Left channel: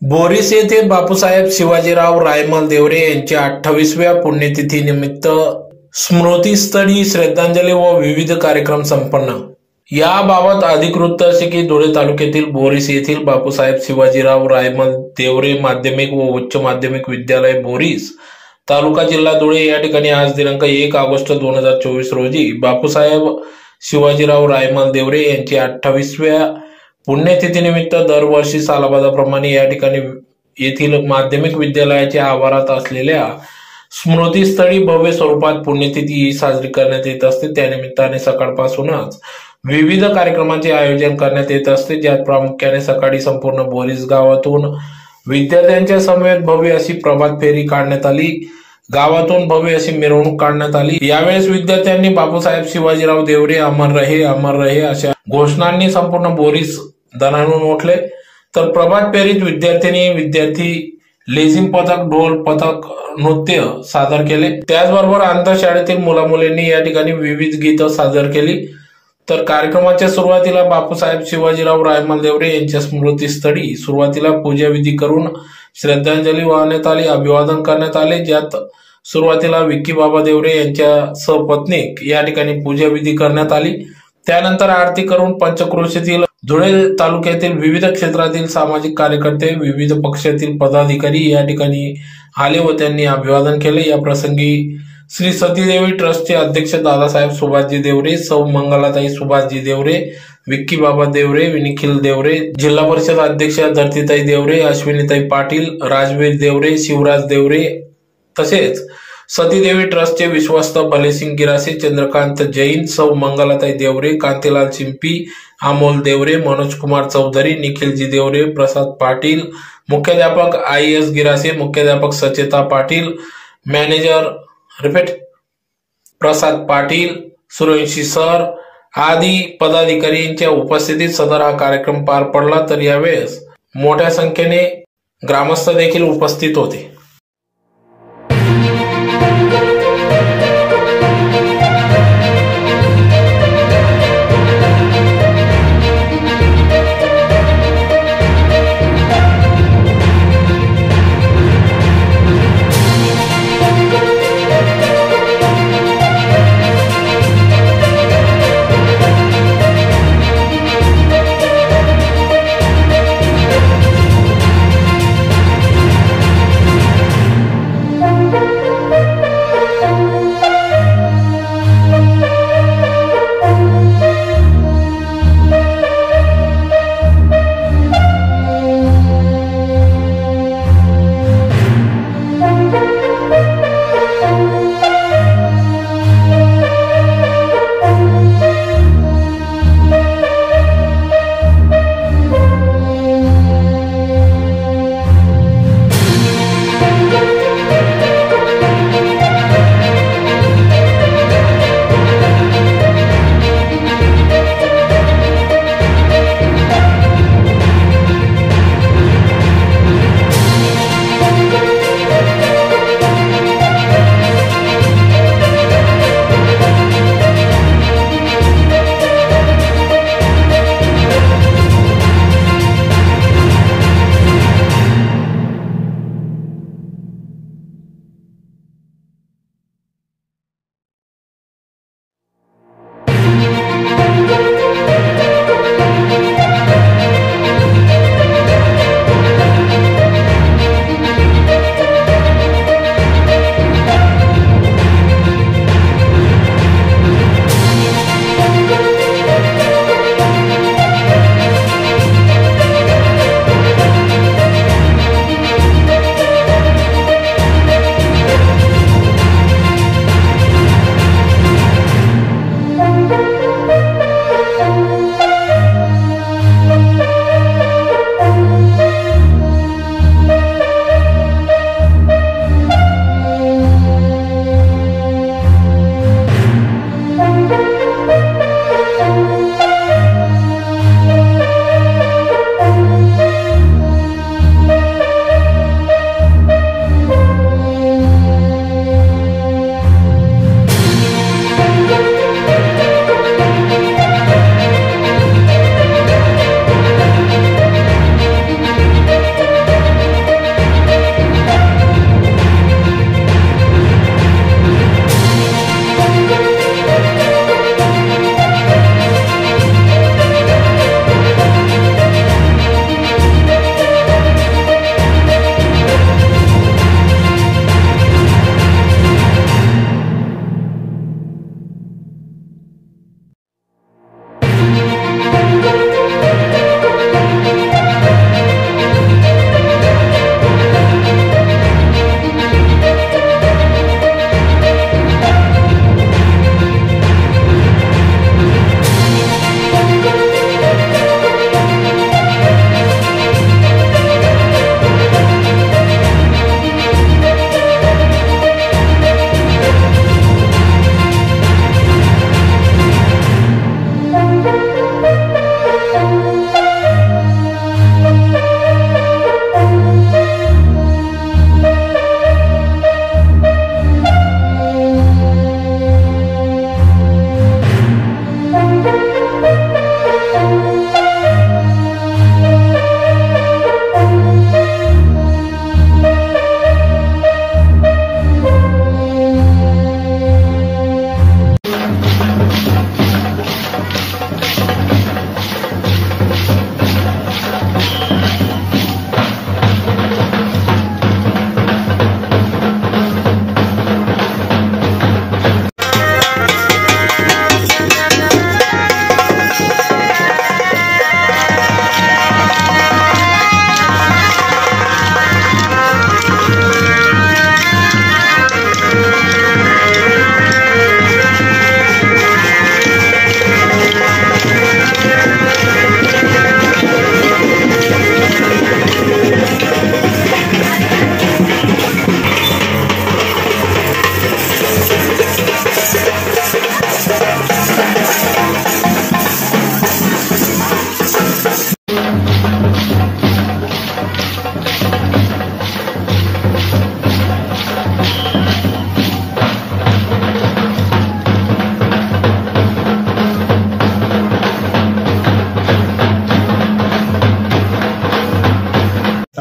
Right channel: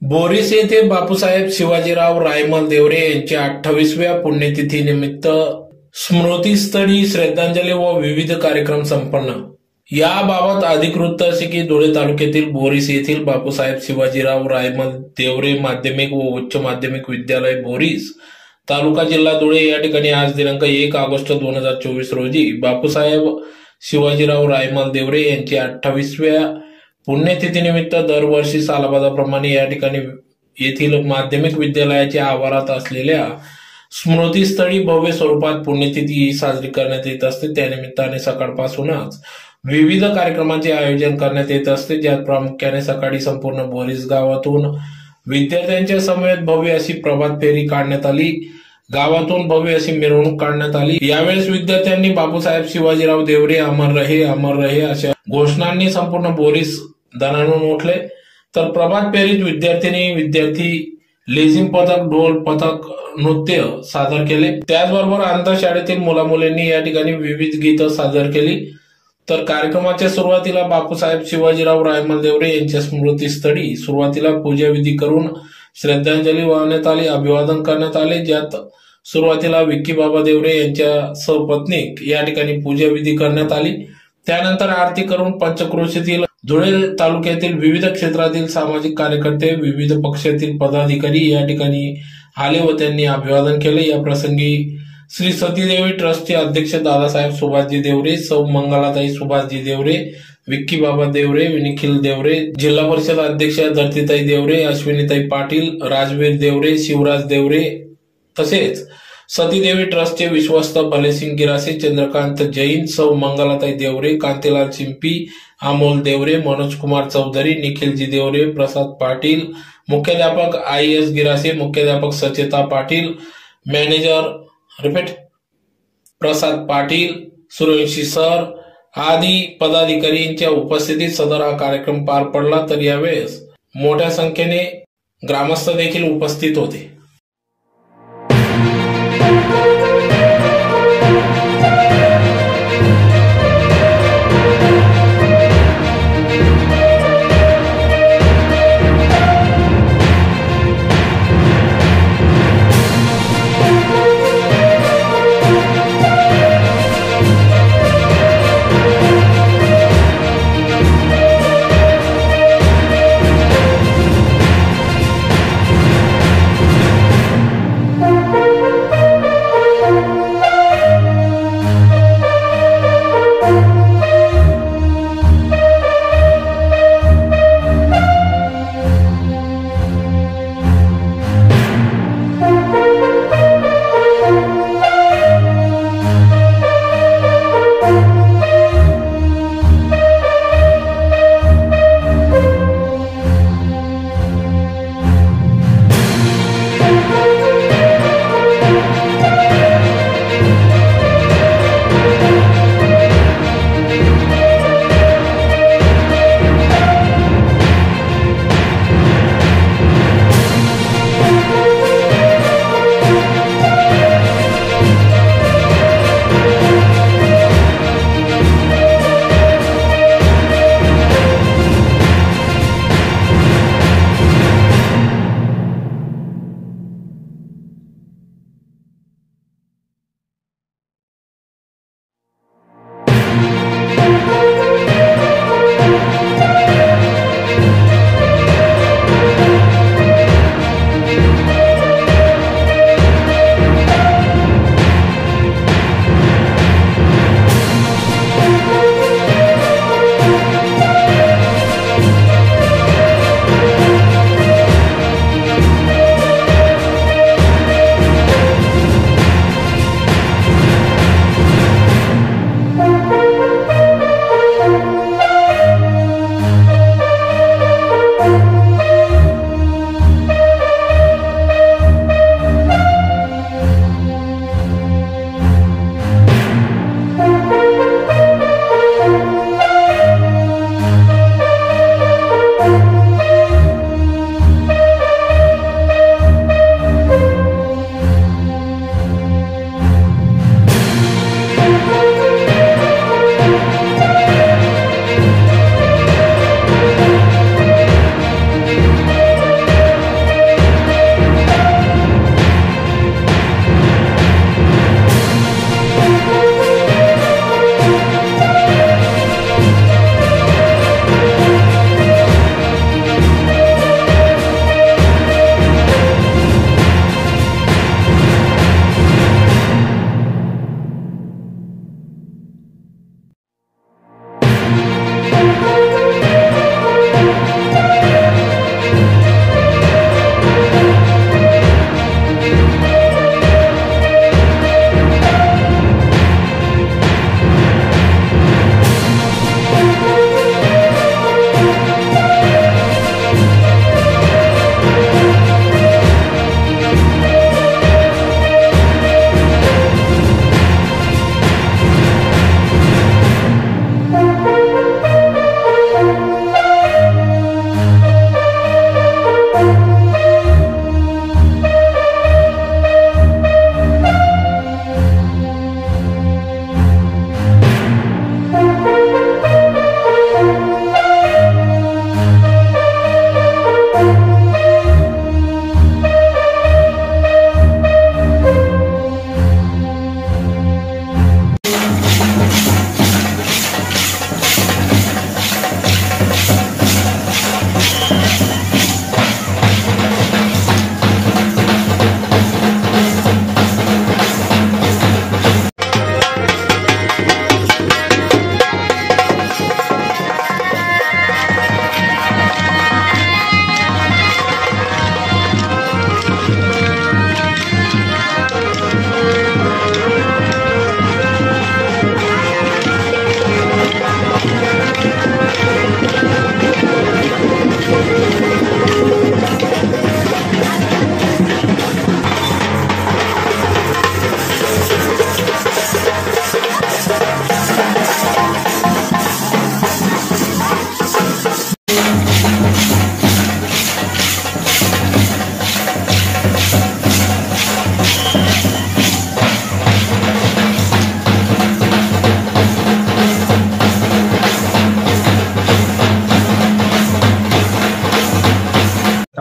Boris येथे बापूसाहेब शिवाजीराव रायमल देवरे यांच्या अठ्ठावीसव्या पुण्यतिथीनिमित्त स्मृतीस्थळी श्रद्धांजली व विविध कार्यक्रम संपन्न. याबाबत अधिकृत असे की धुळे तालुक्यातील बोरीस येथील बापूसाहेब शिवाजीराव रायमल देवरे माध्यमिक व उच्च माध्यमिक विद्यालय बोरीस तालुका जिल्हा धुळे या ठिकाणी आज दिनांक एक ऑगस्ट दोन हजार चोवीस रोजी बापूसाहेब शिवाजीराव रायमल देवरे यांची अठ्ठावीसव्या पुण्यतिथीनिमित्त दरवर्षी सालाबादाप्रमाणे या ठिकाणी येथील माध्यमिक विद्यालयाच्या आवारात असलेल्या स्मृतीस्थळी भव्य स्वरूपात पुण्यतिथी साजरी करण्यात येत असते. त्यानिमित्ताने सकाळपासूनच विविध कार्यक्रमांचे आयोजन करण्यात येत असते. ज्यात प्रामुख्याने सकाळी संपूर्ण बोरीस गावातून विद्यार्थ्यांच्या समवेत भव्य अशी प्रभात फेरी काढण्यात आली. गावातून भव्य अशी मिरवणूक काढण्यात आली. यावेळेस विद्यार्थ्यांनी बापूसाहेब शिवाजीराव देवरे अमर रहे अमर रहे अशा घोषणांनी संपूर्ण बोरीस दणाणून उठले. तर प्रभात पेरीत विद्यार्थिनी विद्यार्थी लेझिम पथक ढोल पथक नृत्य सादर केले. त्याचबरोबर आंतरशाळेतील मुला मुलींनी या ठिकाणी विविध गीतं सादर केली. तर कार्यक्रमाच्या सुरुवातीला बापूसाहेब शिवाजीराव रायमल देवरे यांच्या स्मृतीस्थळी सुरुवातीला पूजाविधी करून श्रद्धांजली वाहण्यात आली अभिवादन करण्यात आले. ज्यात सुरुवातीला विक्की बाबा देवरे यांच्या सहपत्नीक या ठिकाणी पूजाविधी करण्यात आली. त्यानंतर आरती करून पंचक्रोशीतील धुळे तालुक्यातील विविध क्षेत्रातील सामाजिक कार्यकर्ते विविध पक्षातील पदाधिकारी या ठिकाणी आले व त्यांनी अभिवादन केले. या प्रसंगी श्री सतीदेवी ट्रस्टचे अध्यक्ष दादासाहेब सुभाषजी देवरे सौ मंगलाताई सुभाषजी देवरे विक्की बाबा देवरे निखिल देवरे जिल्हा परिषद अध्यक्ष धरतीताई देवरे अश्विनीताई पाटील राजवीर देवरे शिवराज देवरे तसेच सतीदेवी ट्रस्टचे विश्वस्त भलेसिंग गिरासे चंद्रकांत जैन सौ मंगलाताई देवरे कांतीलाल चिंपी अमोल देवरे मनोज कुमार चौधरी निखिलजी देवरे प्रसाद पाटील मुख्याध्यापक आय एस गिरासे मुख्याध्यापक Sacheta Patil manager repeat Prasad Patil Survanshi sir आदी पदाधिकाऱ्यांच्या उपस्थितीत सदर हा कार्यक्रम पार पडला तर यावेळेस मोठ्या संख्येने ग्रामस्थ देखील उपस्थित होते.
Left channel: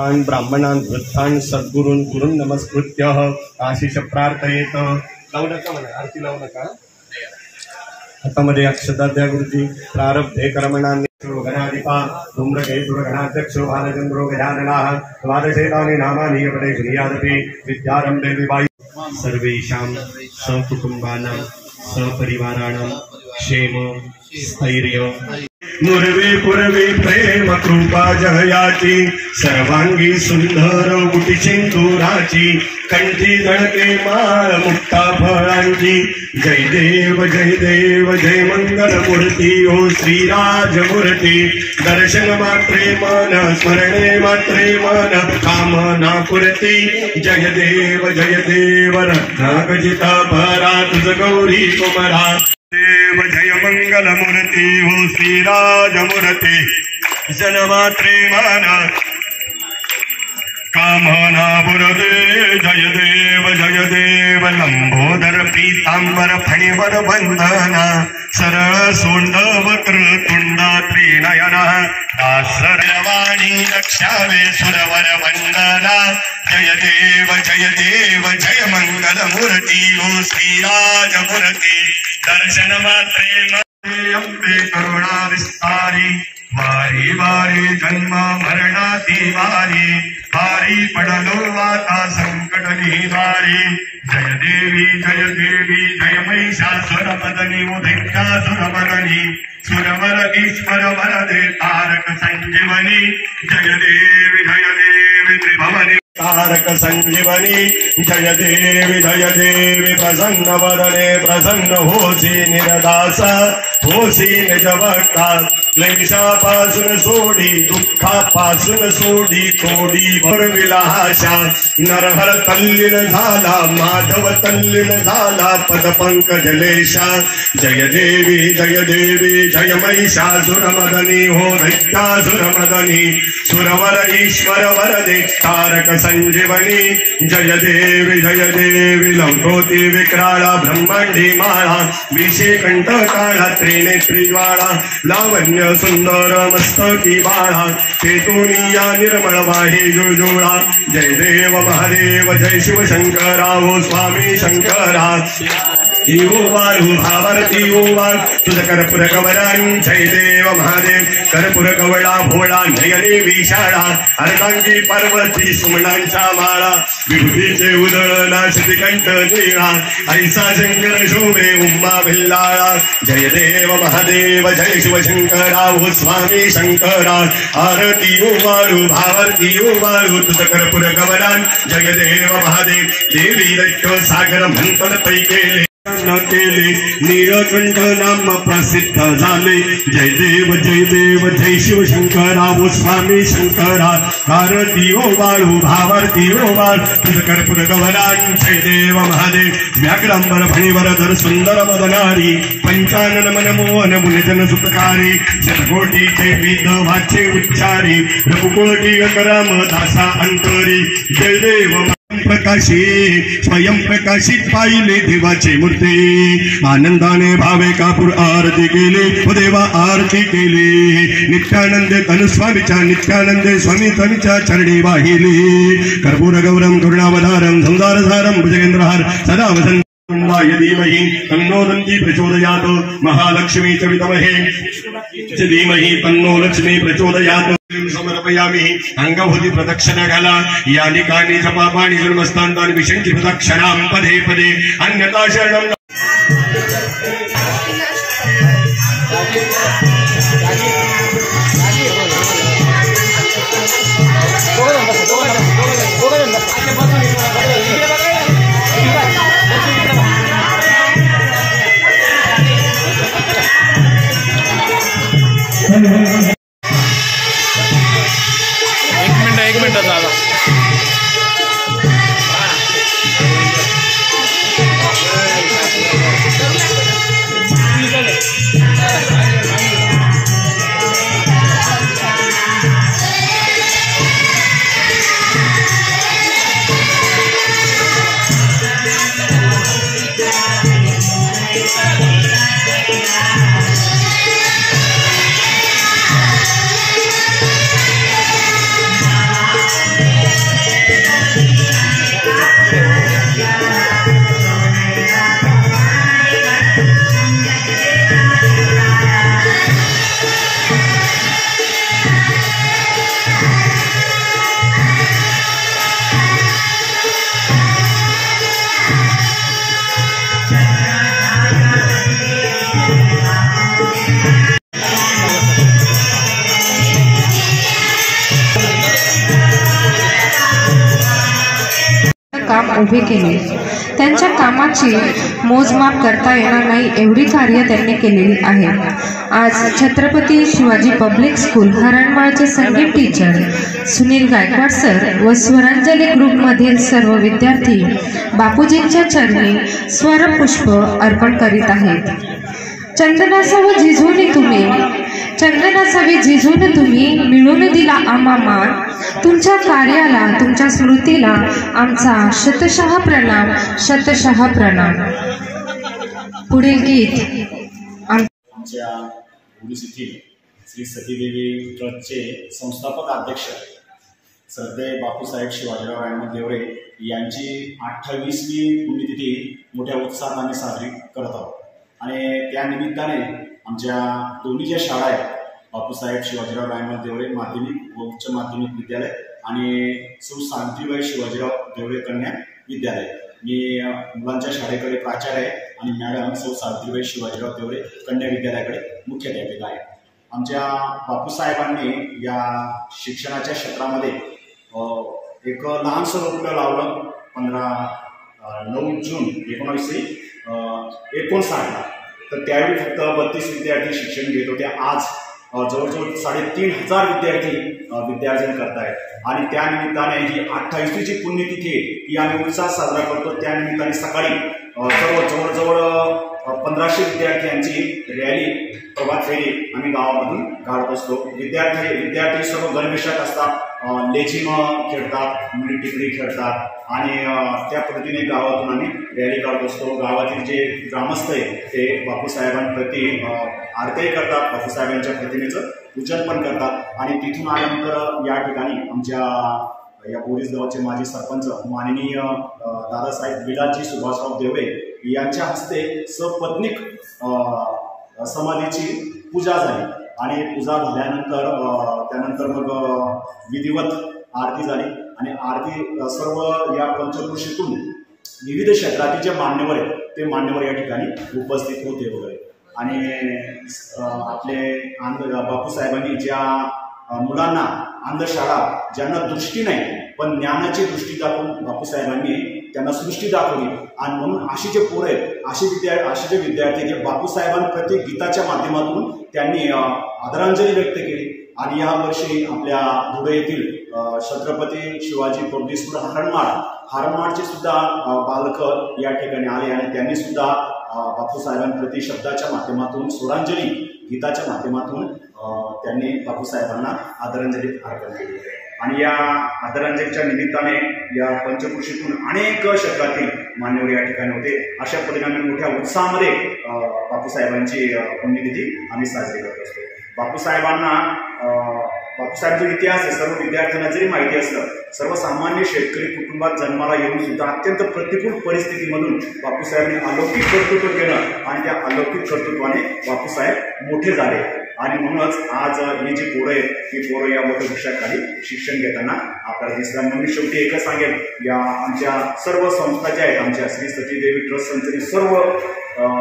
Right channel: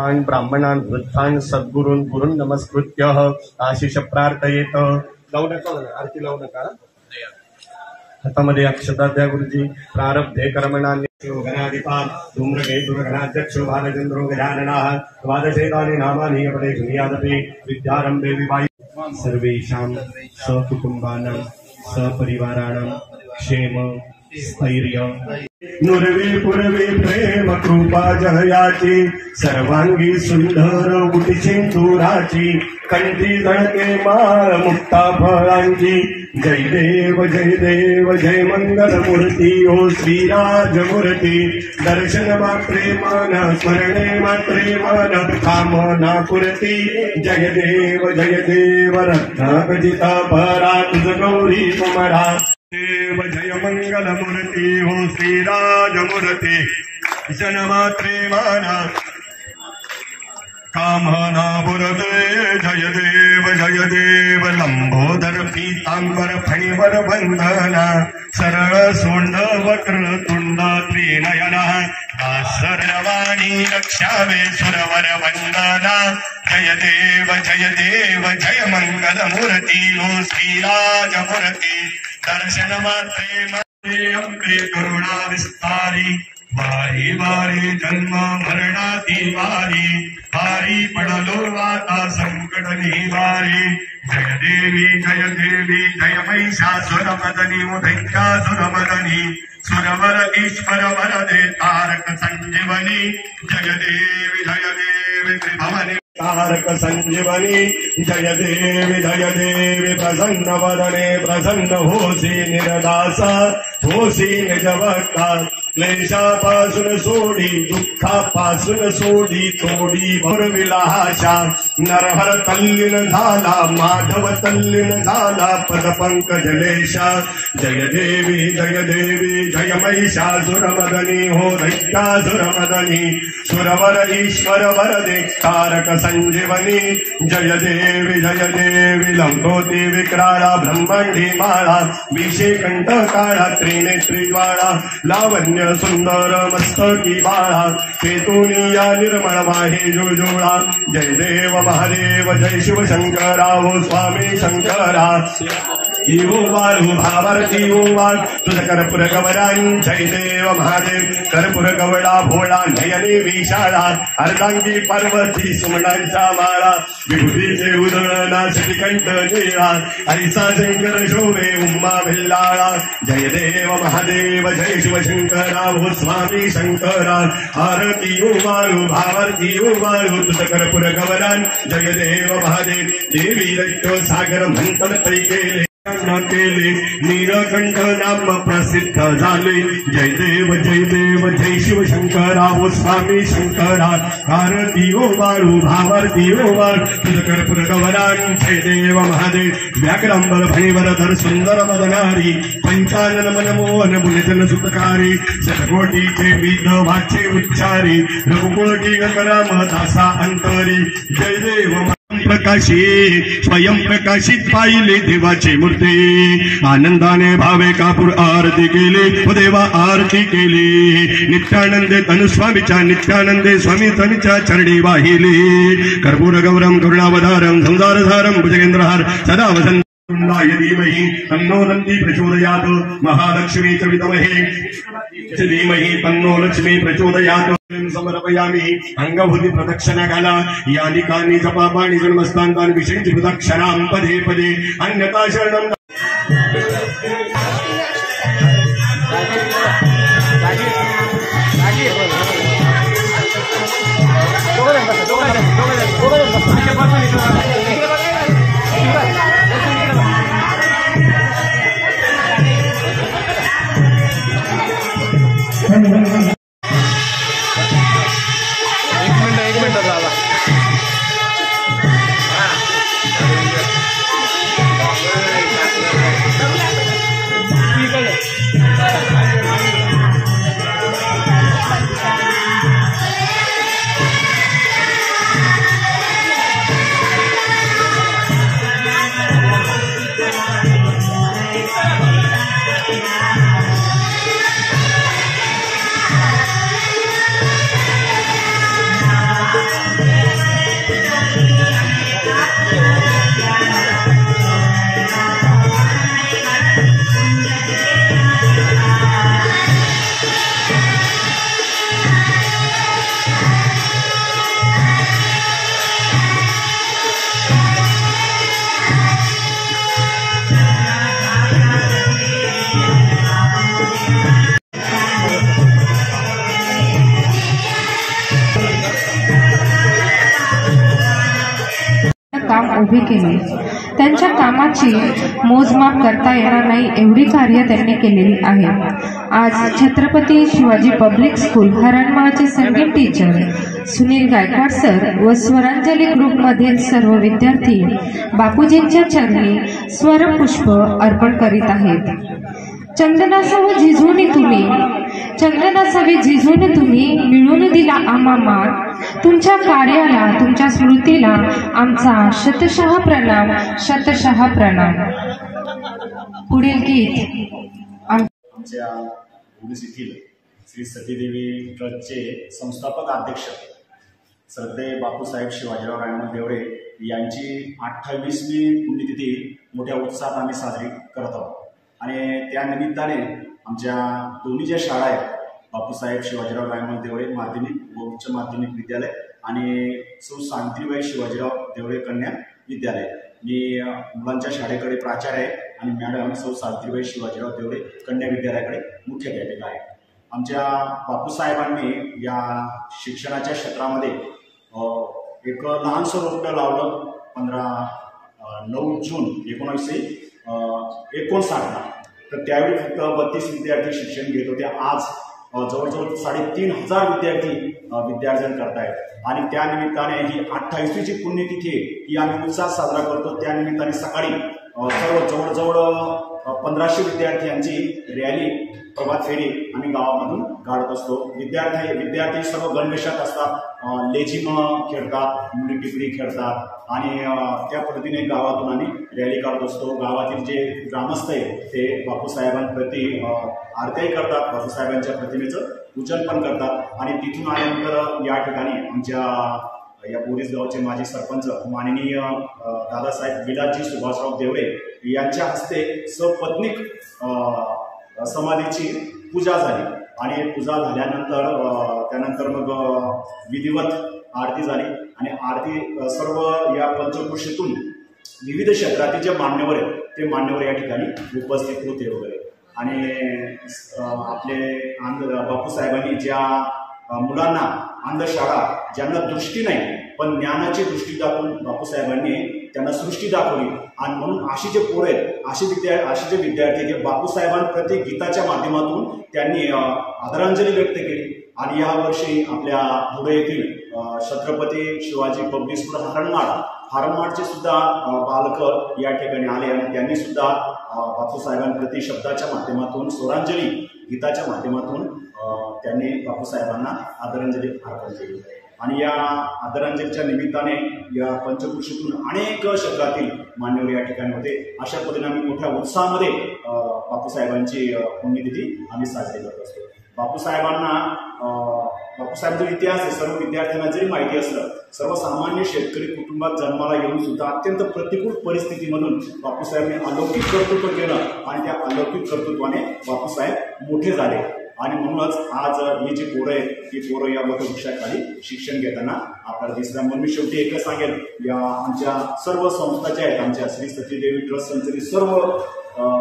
सर्वान् ब्राह्मणान् वृद्धान् सद्गुरून् गुरुन् नमस्कृत्य आशिष प्रार्थयेत. लावू नका म्हणा आरती लावू नका. हातामध्ये अक्षताध्याय गुरुजी प्रारब्धे कर्मणान्य गणाधिपा धूम्रके दुर्गणाध्यक्षो भालचंद्रो गजाननाः द्वादशेतानि नामानि पदे श्रीयादपि विद्यारम्भे विवायु सर्वेषां सकुटुम्बानां सपरिवाराणां क्षेम स्थैर्य नुरवे पुरवे प्रेम कृपा जहयाची सर्वांगी सुंदर उटी सिंदुराची कंठी दळके माळ मुक्ता फळांची. जय देव जय देव जय मंगल मूर्ती ओ श्रीराज मूर्ती दर्शन मात्रे मन स्मरणे मात्रे मन कामना पुरती जय देव जय देव रत्नागजिता भरा तुझ गौरी कुमरा. देव मंगल मूर्ती हो श्रीराज मूर्ती जनमात्रे माना। कामना पुरते जय देव जय देव लंबोदर पीतांबर फणीवर बंधना सरळ सोंड वक्र तुंडा त्रिनयना। दासरवाणी रक्षावे सुरवर वंदना। जय देव जय देव जय मंगल मूर्ती ओ हो श्रीराज मूर्ती दर्शन मात्रे करुणा विस्तारी वारी वारी जन्म मरणाती वारी वारी पडलो वाता संकट निवारी। जय देवी जय देवी जय महिषासुर मदनी उदैत्यासुर मदनी। सुरवर ईश्वर वरदे तारक संजीवनी। जय देवी जय देवी त्रिभव कारक संजीवनी जय देवी जय देवी प्रसन्न वरणे प्रसन्न होसी निरदास। होसी जवळतात क्लेशापासून सोडी दुःखापासून सोडी तोडी भरविलाशा नरहर तल्लीन झाला माधव तल्लीन झाला पदपंकजलेशा जय देवी जय देवी जय महिषासुर मदनी हो दैत्यासुर मदनी। सुरवर ईश्वर वरदे तारक संजीवनी। जय देवी जय देवी लंबोती विक्राळा ब्रह्मांडी माळा विषे कंठ काळा त्रिनेत्री ज्वाळा लावण्य सुंदर मस्तकी बाळा केतुनिया निर्मळ माहे जुजुळा। जय देव महादेव, जय शिव शंकरा हो स्वामी शंकरा। देवो वाळू भावारती ओ वाळ तुझ कर्पूर गवरान जय देव महादेव कर्पूर गवळा भोळा नयने विशाळा अर्धांगी पार्वती सुमणांचा माळा विभूतीचे उदळ नाशित कंठ निळा ऐसा शंकर शोभे उम्मा भिल्लाळा जय देव महादेव जय शिवशंकरा हो स्वामी शंकरा आरती ओ वाळू भावारती ओ वाळू तुझ कर्पूर गवरान जय देव महादेव देवी दैत्य सागर म्हणपण पै केले. न नाम प्रसिद्ध झाले. जय देव जय देव जय शिव शंकरा ओ स्वामी शंकरा. कारती ओ वाळू भावारती ओ वाळ कर्पूर गवरान जय देव महादेव. व्याकरांबर फणीवर धर सुंदर मदनारी. पंचानन मन मोहन मुनिजन सुतकारी. शतकोटीचे विध वाचे उच्चारी. रघुकोटी अकराम दासा अंतरी. जय देव प्रकाशी स्वयं प्रकाशित पाहिले देवाचे मूर्ती. आनंदाने भावे कापूर आरती केली देवा आरती केली. नित्यानंदे तनुस्वामीच्या नित्यानंदे स्वामी तनुच्या चरणी वाहिले. कर्पूर गौरम करुणावधारम संसारधारम भुजगेंद्रहार सदा वसंत कुंडाय धीमहि. तन्नो नंदी प्रचोदयात्. महालक्ष्मी च विद्महे च धीमहि तन्नो लक्ष्मी प्रचोदयात् समर्पयामि। अंगभूती प्रदक्षिणा घाला। या ठिकाणी जपापाणी जन्मस्थान विषयांची प्रदक्षिणां पदे पदे। अन्यथा शरणं उभे केले. त्यांच्या कामाची मोजमाप करता येणार नाही एवढी कार्य त्यांनी केलेली आहे. आज छत्रपती शिवाजी पब्लिक स्कूल हरणमाळचे संगीत टीचर सुनील गायकवाड सर व स्वरांजली ग्रुपमधील सर्व विद्यार्थी बापूजींच्या चरणी स्वरपुष्प अर्पण करीत आहेत. चंदनासह झिजून तुम्ही चंदनासावे झिजून तुम्ही मिळून दिला आम्हा मान. तुमच्या कार्याला तुमच्या स्मृतीला आमचा शतशः प्रणाम शतशः प्रणाम. पुढील गीत. आमच्या पोलीस येथील श्री सतीदेवी ट्रस्टचे संस्थापक अध्यक्ष श्रद्धे बापूसाहेब शिवाजीराव रायमल देवरे यांची अठ्ठावीसवी पुण्यतिथी मोठ्या उत्साहाने साजरी करत आहोत. आणि त्या निमित्ताने आमच्या दोन्ही ज्या शाळा आहेत बापूसाहेब शिवाजीराव रायमल देवळे माध्यमिक व उच्च माध्यमिक विद्यालय आणि सौ सावित्रीबाई शिवाजीराव देवळे कन्या विद्यालय. मी मुलांच्या शाळेकडे प्राचार्य आहे आणि मॅडम सौ सावित्रीबाई शिवाजीराव देवळे कन्या विद्यालयाकडे मुख्याध्यापिका आहे. आमच्या बापूसाहेबांनी या शिक्षणाच्या क्षेत्रामध्ये एक लहानसं रोपटं लावलं पंधरा नऊ जून एकोणावीसशे एकोणसाठला. तर त्यावेळी फक्त बत्तीस विद्यार्थी शिक्षण घेत होते. आज जवळजवळ साडेतीन हजार विद्यार्थी विद्यार्जन करतायत. आणि त्यानिमित्ताने जी ही अठ्ठावीसवी जी पुण्यतिथी आहे ही आम्ही उत्साह साजरा करतो. त्यानिमित्ताने सकाळी सर्व जवळजवळ पंधराशे विद्यार्थ्यांची रॅली प्रभात फेरी आम्ही गावामधून काढत असतो. विद्यार्थी विद्यार्थी सर्व गणवेशात असतात. लेझिम खेळतात मुली टिकडी खेळतात. आणि त्या पद्धतीने गावातून आम्ही रॅली काढत असतो. गावातील जे ग्रामस्थ आहे ते बापूसाहेबांप्रती आरत्याही करतात. बापूसाहेबांच्या प्रतिमेचं पूजन पण करतात. आणि तिथून आल्यानंतर या ठिकाणी आमच्या या बोरीस गावचे माजी सरपंच माननीय दादासाहेब विलासजी सुभाषराव देवरे यांच्या हस्ते सपत्नीक समाधीची पूजा झाली. आणि पूजा झाल्यानंतर त्यानंतर मग विधिवत आरती झाली. आणि आरती सर्व या पंचकृषीतून विविध क्षेत्रातील जे मान्यवर आहेत ते मान्यवर या ठिकाणी उपस्थित होते वगैरे. आणि आपले आंध बापूसाहेबांनी ज्या मुलांना अंधशाळा ज्यांना दृष्टी नाही पण ज्ञानाची दृष्टी दाखवून बापूसाहेबांनी त्यांना सृष्टी दाखवली. आणि म्हणून अशी जे पोरं आहेत अशी विद्या असे जे विद्यार्थी आहेत, जे बापूसाहेबांप्रती गीताच्या माध्यमातून त्यांनी आदरांजली व्यक्त केली. आणि या वर्षी आपल्या धुळे येथील छत्रपती शिवाजी पब्लिक स्कूल हरणमाड हरणमाडचे सुद्धा बालक या ठिकाणी आले आणि त्यांनी सुद्धा बापूसाहेबांप्रती शब्दाच्या माध्यमातून स्वरांजली गीताच्या माध्यमातून त्यांनी बापूसाहेबांना आदरांजली अर्पण केली. आणि या आदरांजलीच्या निमित्ताने या पंचकृषीतून अनेक क्षेत्रातील मान्यवर या ठिकाणी होते. अशा पद्धतीने आम्ही मोठ्या उत्साहामध्ये बापूसाहेबांची पुण्यतिथी आम्ही साजरी करत असतो. बापूसाहेबांना अ, जो इतिहास आहे. सर्व विद्यार्थ्यांना जरी माहिती असलं सर्वसामान्य शेतकरी कुटुंबात जन्माला येऊन सुद्धा अत्यंत प्रतिकूल परिस्थितीमधून बापूसाहेबांनी अलौकिक कर्तृत्व केलं आणि त्या अलौकिक कर्तृत्वाने बापूसाहेब मोठे झाले. आणि म्हणूनच आज ही जी पोरं आहेत ही पोरं या वटवृक्षाखाली शिक्षण घेताना आपल्याला दिसतात. म्हणून मी शेवटी एकच सांगेन या आमच्या सर्व संस्था ज्या आहेत आमच्या श्री सतीदेवी ट्रस्ट संस्थेची सर्व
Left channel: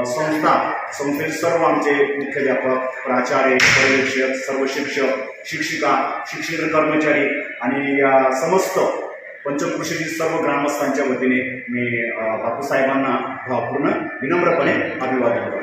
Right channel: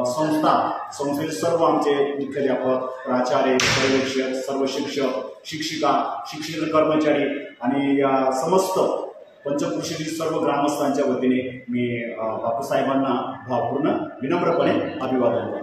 संस्था संस्थेचे सर्व आमचे मुख्याध्यापक प्राचार्य पर्यवेक्षक सर्व शिक्षक शिक्षिका शिक्षण कर्मचारी आणि या समस्त पंचकृषीतील सर्व ग्रामस्थांच्या वतीने मी बापूसाहेबांना भावपूर्ण विनम्रपणे अभिवादन करतो.